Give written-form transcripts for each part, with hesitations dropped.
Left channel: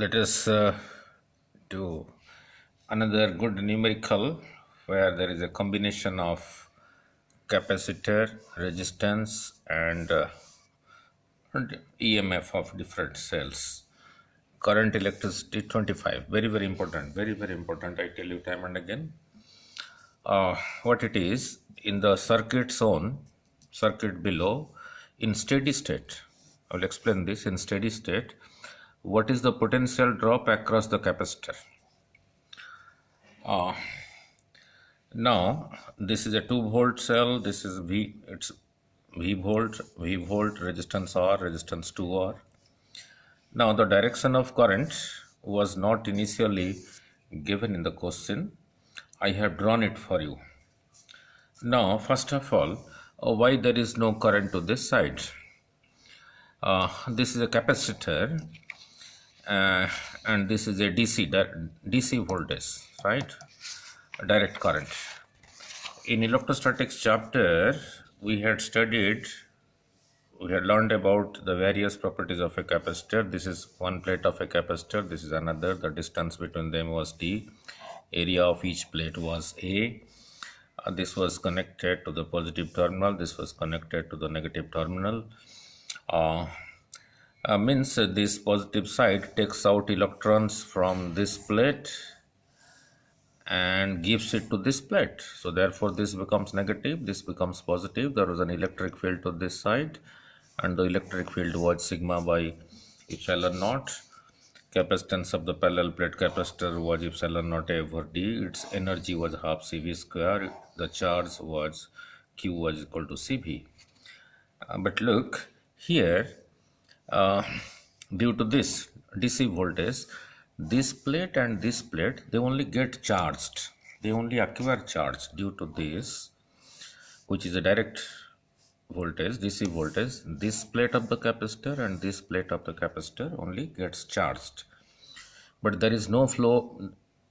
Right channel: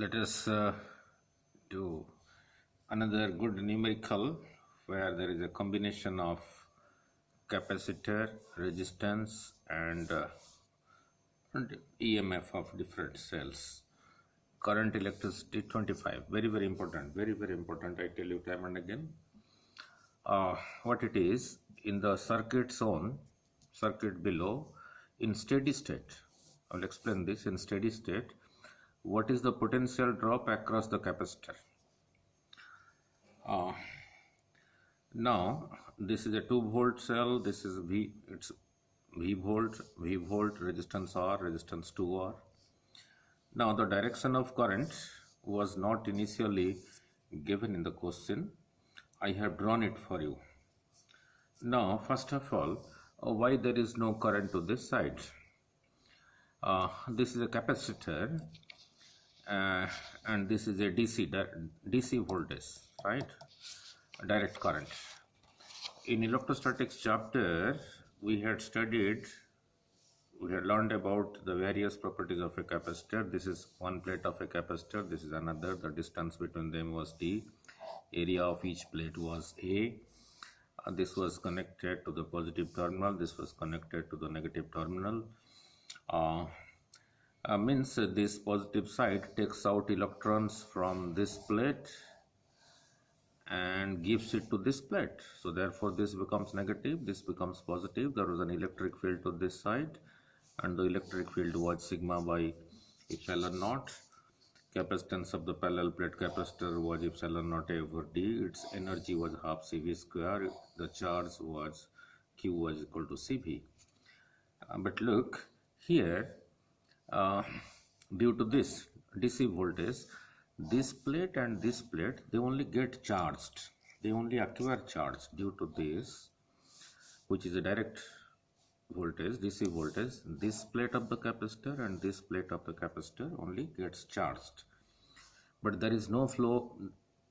Let us do another good numerical where there is a combination of capacitor, resistance, and EMF of different cells. Current, electricity 25. Very, very important. Very, very important. I tell you time and again. What it is in the circuit zone, circuit below, in steady state. I will explain this in steady state. What is the potential drop across the capacitor? Now this is a 2-volt cell. This is V. It's V volt, resistance R, resistance 2R. Now the direction of current was not initially given in the question. I have drawn it for you. Now first of all, why there is no current to this side? This is a capacitor and this is a DC voltage, right? Direct current. In electrostatics chapter we had learned about the various properties of a capacitor. This is one plate of a capacitor, this is another. The distance between them was D. Area of each plate was A. This was connected to the positive terminal, this was connected to the negative terminal. Means this positive side takes out electrons from this plate and gives it to this plate. So therefore this becomes negative, this becomes positive. There was an electric field to this side and the electric field was sigma by epsilon naught. Capacitance of the parallel plate capacitor was epsilon naught A over D. Its energy was half CV square. The charge was Q was equal to CV. But look here, due to this DC voltage, this plate and this plate, they only get charged. They only acquire charge due to this, which is a direct voltage, DC voltage. This plate of the capacitor and this plate of the capacitor only gets charged. But there is no flow,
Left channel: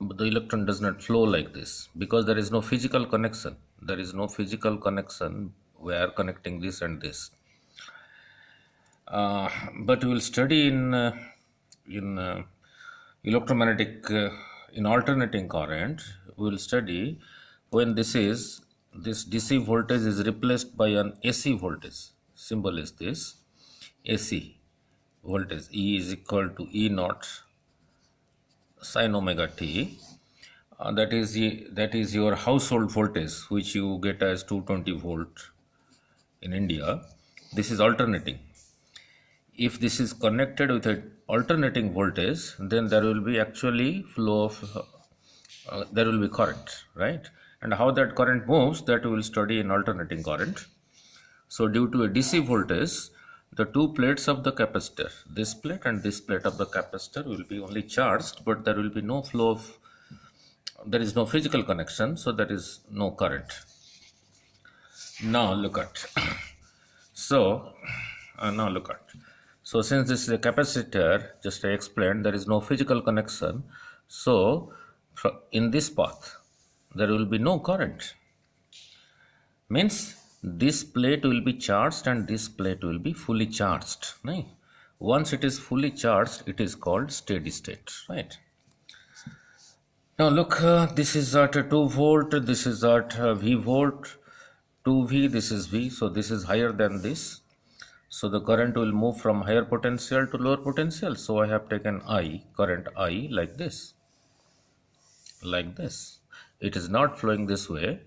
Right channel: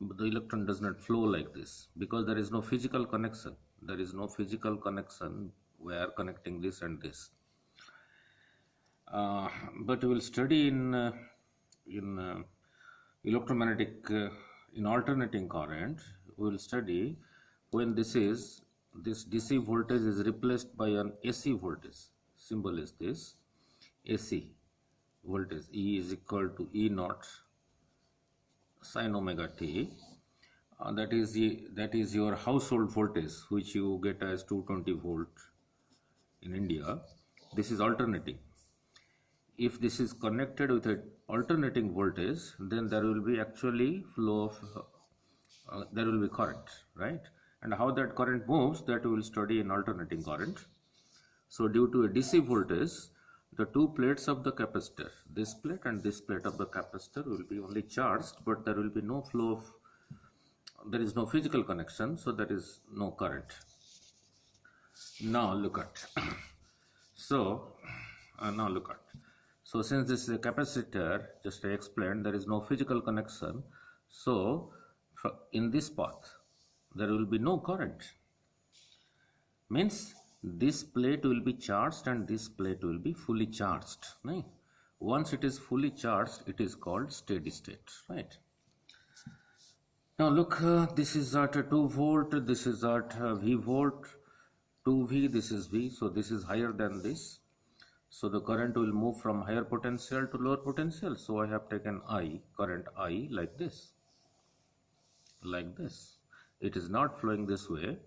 the electron does not flow like this because there is no physical connection. There is no physical connection where connecting this and this. But we will study in electromagnetic, in alternating current, we will study when this DC voltage is replaced by an AC voltage. Symbol is this AC voltage. E is equal to E naught sin omega t. That is your household voltage, which you get as 220 volt in India. This is alternating. If this is connected with an alternating voltage, then there will be actually flow of there will be current, right? And how that current moves, that we will study in alternating current. So due to a DC voltage, the two plates of the capacitor, this plate and this plate of the capacitor, will be only charged, but there will be no flow of, there is no physical connection, so there is no current. Now look at so since this is a capacitor, just I explained, there is no physical connection. So in this path, there will be no current. Means this plate will be charged and this plate will be fully charged. Right? Once it is fully charged, it is called steady state. Right? Now look, this is at 2 volt, this is at V volt, 2V, this is V. So this is higher than this. So the current will move from higher potential to lower potential. So I have taken I, current I, like this. Like this. It is not flowing this way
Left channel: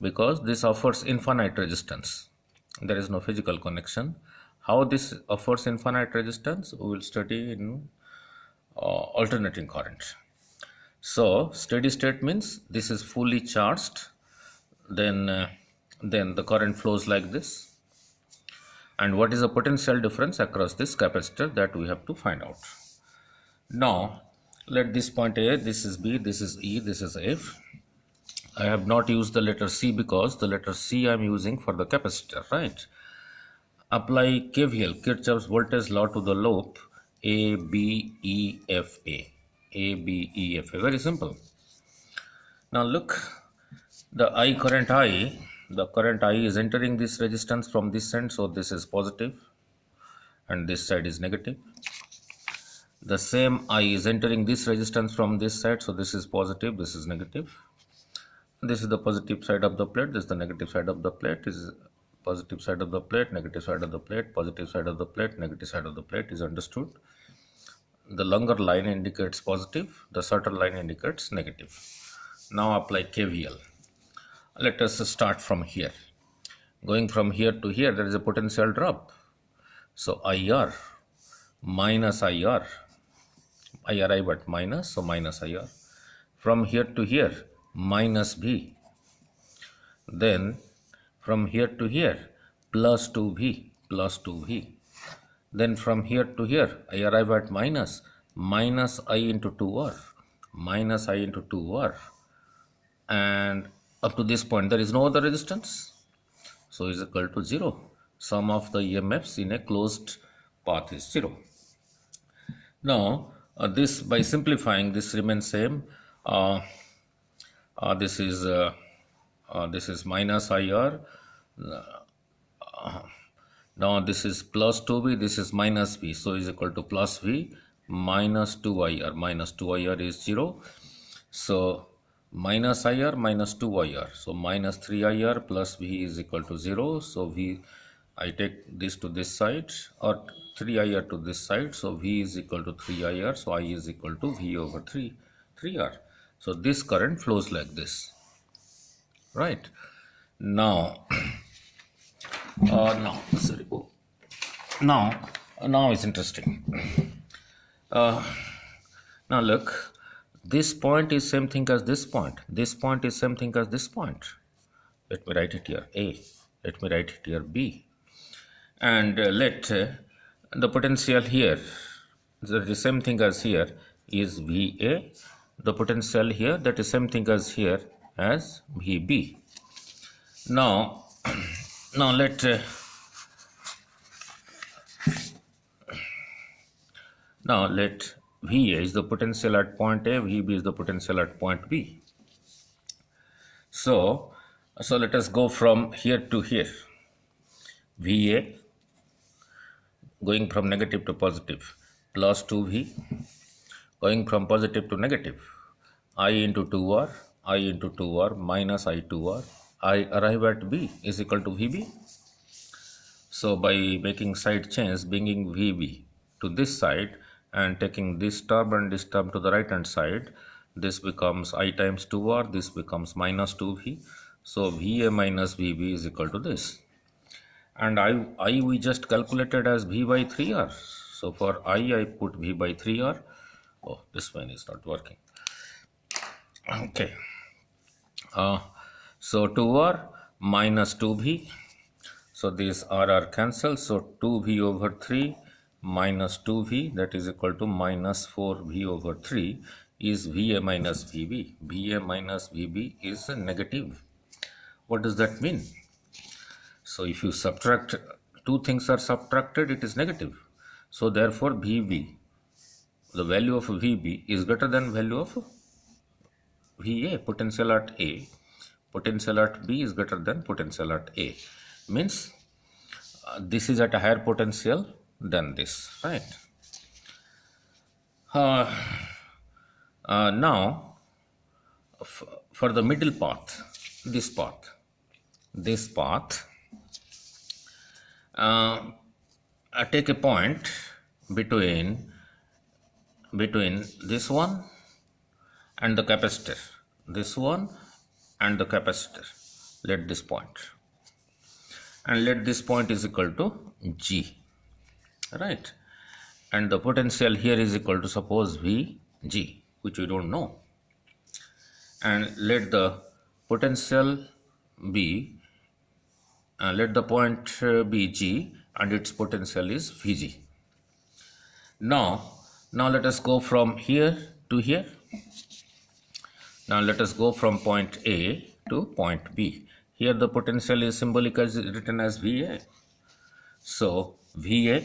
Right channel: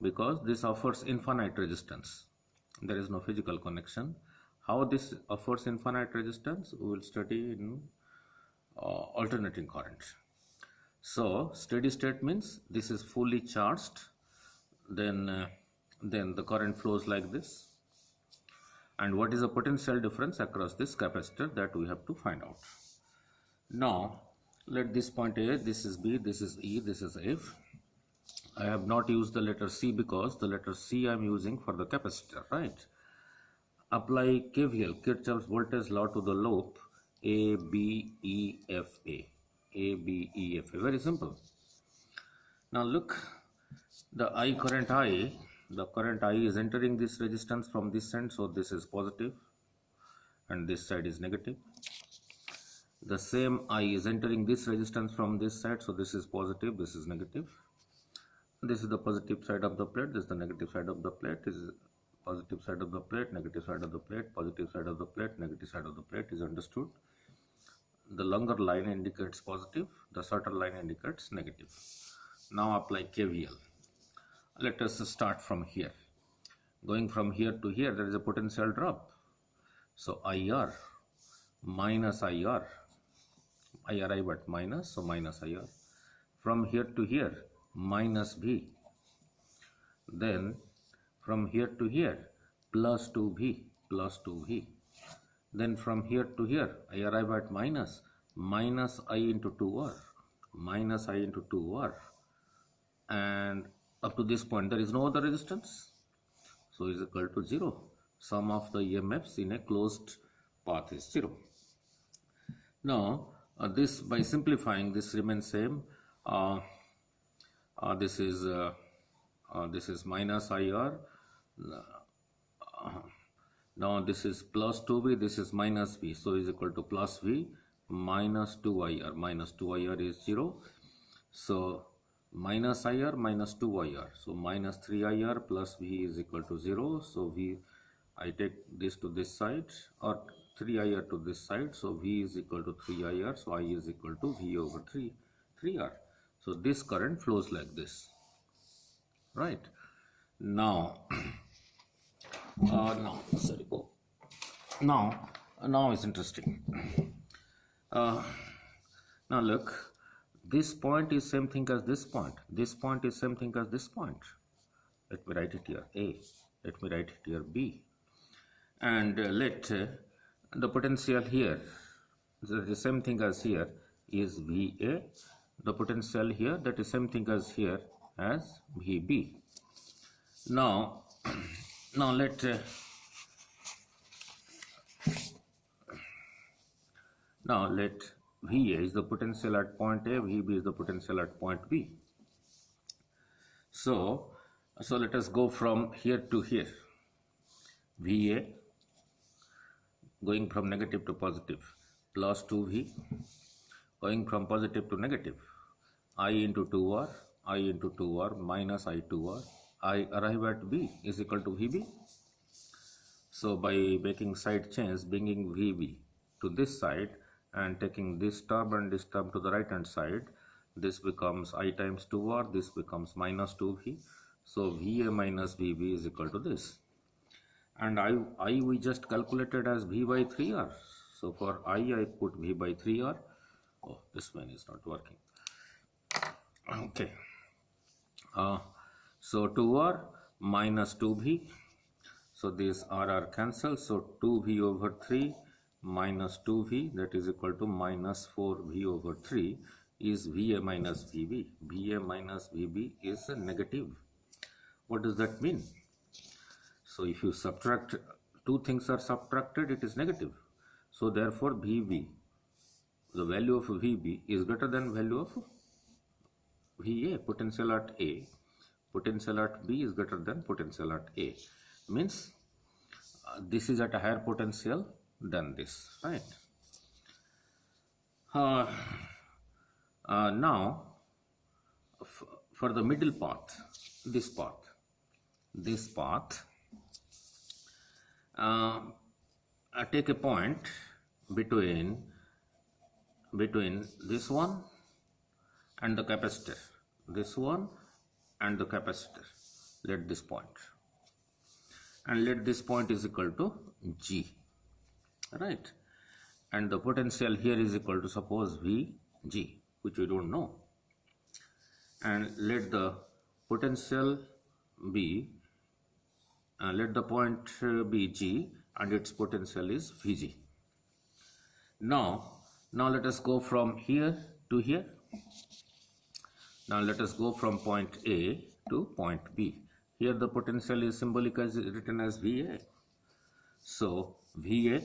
because this offers infinite resistance. There is no physical connection. How this offers infinite resistance, we will study in alternating current. So steady state means this is fully charged. Then the current flows like this. And what is the potential difference across this capacitor, that we have to find out. Now let this point A, this is B, this is E, this is F. I have not used the letter C because the letter C I am using for the capacitor, right? Apply KVL, Kirchhoff's voltage law, to the loop A, B, E, F, A. A, B, E, F, A. Very simple. Now look, the current I is entering this resistance from this end, so this is positive and this side is negative. the same I is entering this resistance from this side, so this is positive, this is negative. This is the positive side of the plate, this is the negative side of the plate. This is positive side of the plate, negative side of the plate, positive side of the plate, negative side of the plate is understood. The longer line indicates positive, the shorter line indicates negative. Now apply KVL. Let us start from here. Going from here to here, there is a potential drop. So IR minus IR, I arrive at minus, so minus IR. From here to here, minus V. Then from here to here, plus 2V, plus 2V. Then from here to here, I arrive at minus I into 2R, minus I into 2R. And up to this point, there is no other resistance. So is equal to 0. Sum of the EMFs in a closed path is 0. Now, this by simplifying, this remains same. This is minus IR. Now this is plus 2V, this is minus V, so is equal to plus V minus 2IR. Minus 2IR is 0. So minus IR minus 2IR. So minus 3IR plus V is equal to 0. So V, I take this to this side, or 3IR to this side. So V is equal to 3IR. So I is equal to V over 3R. So this current flows like this. Right. Now, now it's interesting. Now look, this point is same thing as this point. This point is same thing as this point. Let me write it here A. Let me write it here B. And let the potential here, the same thing as here, is VA. The potential here, that is same thing as here as VB. Now let VA is the potential at point A, VB is the potential at point B. So let us go from here to here. VA going from negative to positive, plus 2V, going from positive to negative, I into 2R, I into 2R minus I 2R. I arrive at B is equal to VB. So by making side change, bringing VB to this side and taking this term and this term to the right hand side, this becomes I times 2R, this becomes minus 2V. So VA minus VB is equal to this. And I we just calculated as V by 3R. So for I put V by 3R. Oh, this one is not working. Okay. So 2R minus 2V. So these R cancel. So 2V over 3 minus 2V, that is equal to minus 4V over 3 is VA minus VB. VA minus VB is negative. What does that mean? So if you subtract, two things are subtracted, it is negative. So therefore VB, the value of VB is greater than value of VA. Potential at A, potential at B is greater than potential at A. Means this is at a higher potential than this, right? Now for the middle path, this path, I take a point between this one and the capacitor, this one and the capacitor. Let this point, and let this point is equal to G, right? And the potential here is equal to, suppose, VG, which we don't know. And let the potential be, let the point be G and its potential is Vg. Now let us go from here to here. Now let us go from point A to point B. Here the potential is symbolic as written as VA. So VA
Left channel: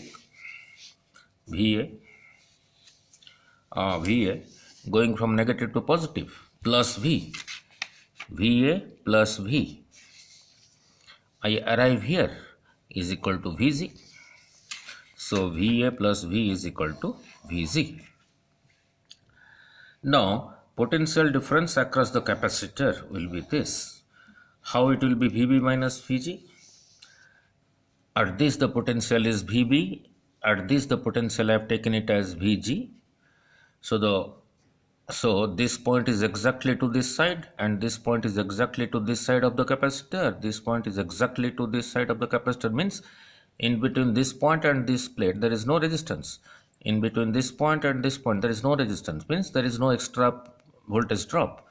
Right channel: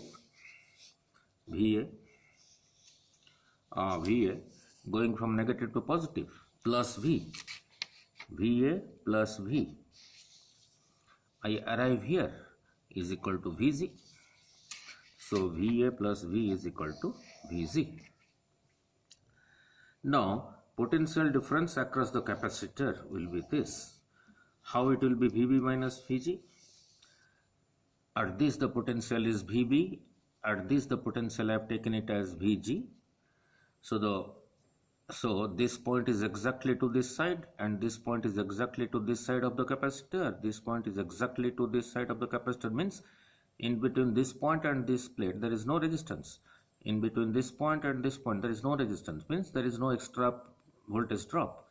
going from negative to positive, plus V, VA plus V. I arrive here is equal to Vg. So VA plus V is equal to Vg. Now, potential difference across the capacitor will be this. How it will be Vb minus Vg? At this the potential is Vb, at this the potential I have taken it as Vg. So this point is exactly to this side and this point is exactly to this side of the capacitor. This point is exactly to this side of the capacitor, means in between this point and this plate there is no resistance. In between this point and this point there is no resistance, means there is no extra voltage drop.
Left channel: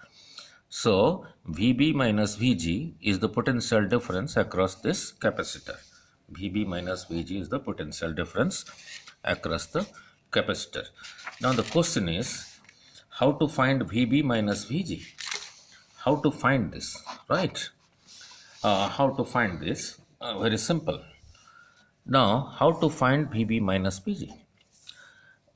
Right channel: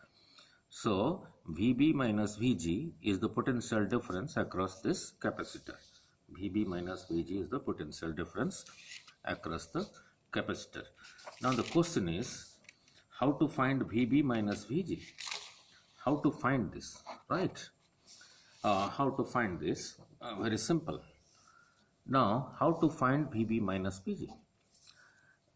So Vb minus Vg is the potential difference across this capacitor. Vb minus Vg is the potential difference across the capacitor. Now the question is how to find Vb minus Vg. How to find this, right? How to find this? Very simple. Now how to find Vb minus Vg?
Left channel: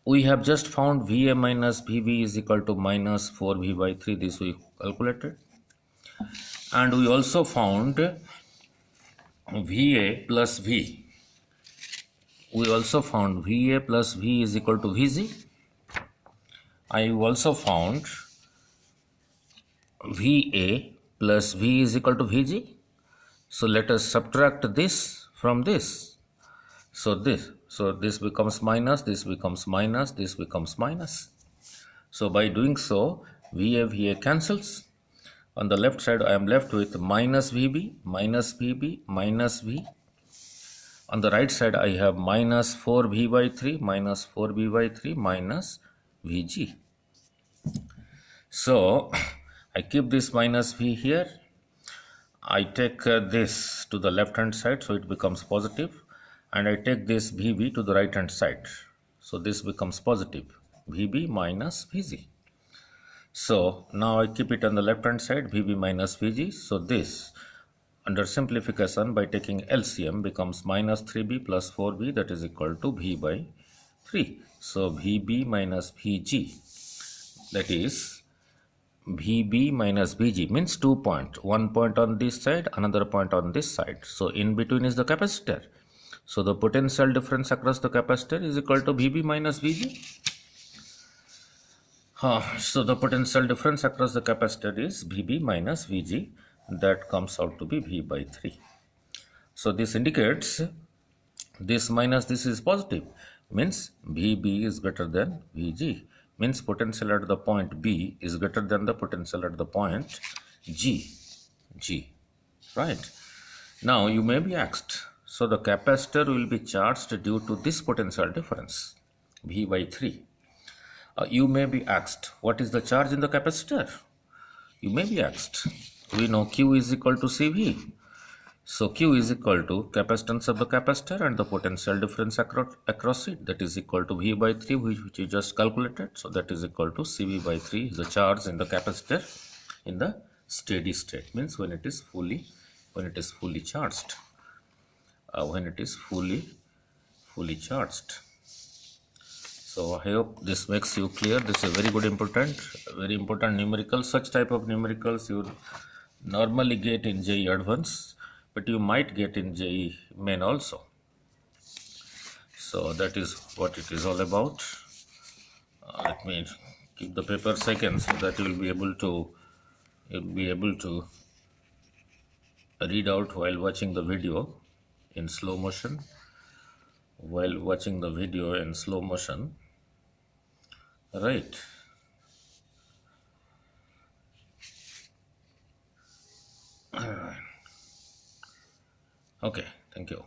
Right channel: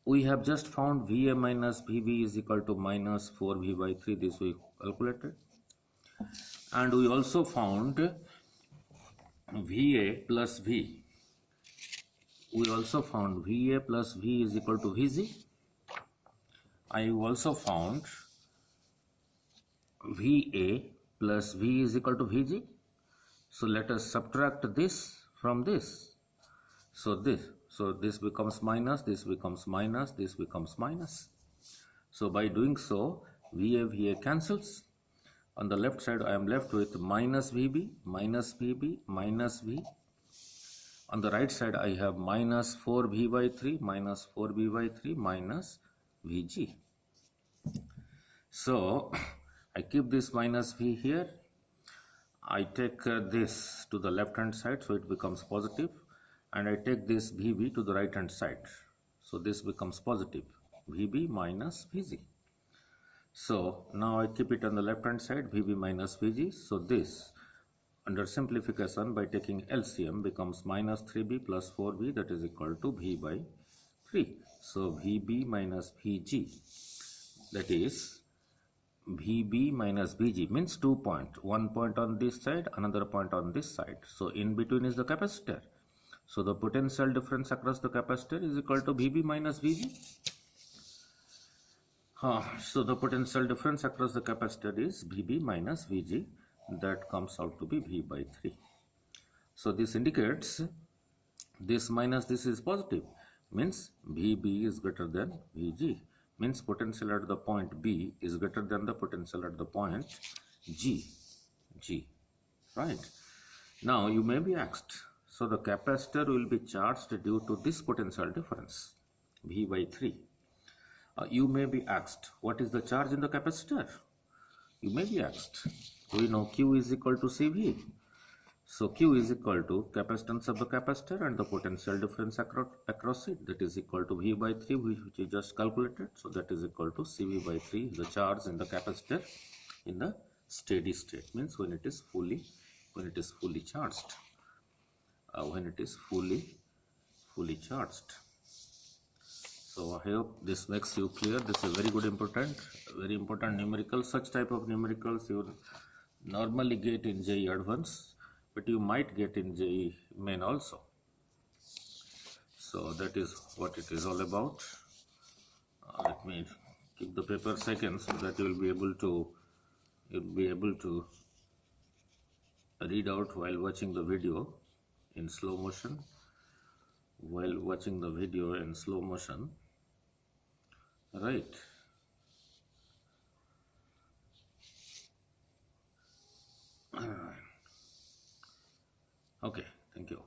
We have just found Va minus Vb is equal to minus 4V by 3. This we calculated. And we also found Va plus V. We also found Va plus V is equal to Vg. I also found Va plus V is equal to Vg. So let us subtract this from this. So this becomes minus, this becomes minus, this becomes minus. So by doing so, Va cancels. On the left side, I am left with minus Vb, minus Vb, minus V. On the right side, I have minus 4V by 3, minus 4V by 3, minus Vg. So I keep this minus V here. I take this to the left hand side, so it becomes positive. And I take this Vb to the right hand side. So this becomes positive. Vb minus Vg. So now I keep it on the left hand side, Vb minus Vg. So this under simplification by taking LCM becomes minus 3b plus 4b, that is equal to V by 3. So Vb minus Vg, that is Vb minus Vg means 2 points. 1 point on this side, another point on this side. So in between is the capacitor. So the potential difference across the capacitor is equal to Vb minus Vg. So the potential difference across the capacitor is Vb minus Vg. That comes out to be V by 3. So this indicates this minus this is positive, means Vb is greater than Vg, means potential at the point B is greater than the potential at the point G, right? Now you may be asked, so the capacitor will be charged due to this potential difference, V by 3. You may be asked, what is the charge in the capacitor? You may be asked. We know Q is equal to Cv. So Q is equal to capacitance of the capacitor and the potential difference across it, that is equal to V by 3, which we just calculated. So that is equal to Cv by 3 is the charge in the capacitor in the steady state, means when it is fully charged. When it is fully charged. So I hope this makes you clear. This is a very important numerical. Such type of numericals you normally get in JEE Advanced, but you might get in JEE Main also. So that is what it is all about. Let me keep the paper second so that you will be able to read out while watching the video in slow motion. Right. Okay, thank you.